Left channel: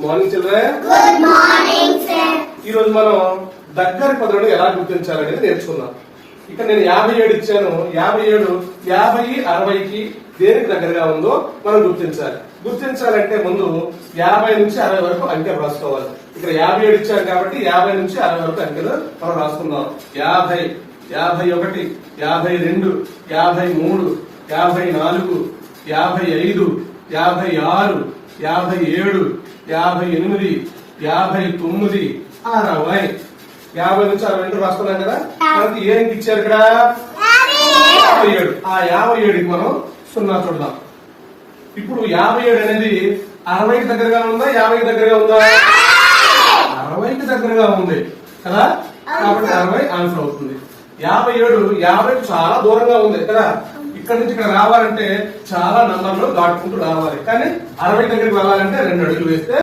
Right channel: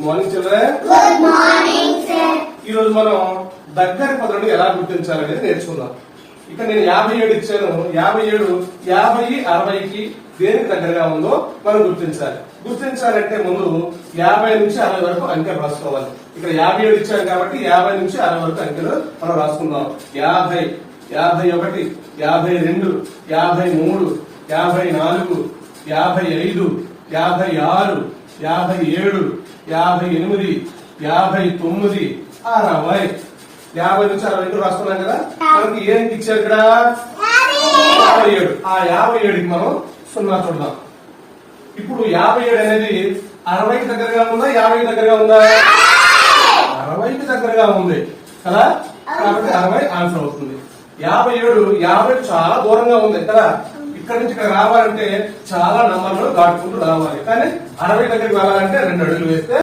Good morning children. ఈ రోజు మనం దగ్గరి పదులను ఎలా గుర్తించాలనేది నేర్చుకుందాం. ఇక్కడ నేను 57 ఇచ్చాను. 57 50, 60కి దేనికి దగ్గరగా ఉందో మనం గుర్తించాలి. గుర్తించాలంటే ముందు 50 నుంచి 60 వరకు అంకెలు రాసుకోవాలి. ఇక్కడ 57 ఇచ్చాను కాబట్టి 50 నుంచి 60 వరకు అంకెలు మనం రాసుకుందాం. 50, 51, 52, 53, 54, 55, 56, 57, 58, 59, 60. 50 నుంచి 60 రాసుకున్నాం కదా. మనకి ఏం ఇచ్చారు ఇక్కడ 57. ఆ 57కి మనం 0 చూద్దాం. ఇప్పుడు 57 అనేది 60కి దగ్గరగా ఉందా 50కి దగ్గరగా ఉందా? 60కి దగ్గరగా ఉంది కదా, కాబట్టి 60 ఆన్సర్ అవుతుంది. 57 50కి చాలా దూరంగా ఉంది కదా. ఇక్కడ నుంచి ఇక్కడ రావాలంటే చాలా నంబర్లు దాటుకుంటూ రావాలి. కానీ 60 దగ్గరికి వెళ్ళాలంటే 2 అడుగులు వేస్తే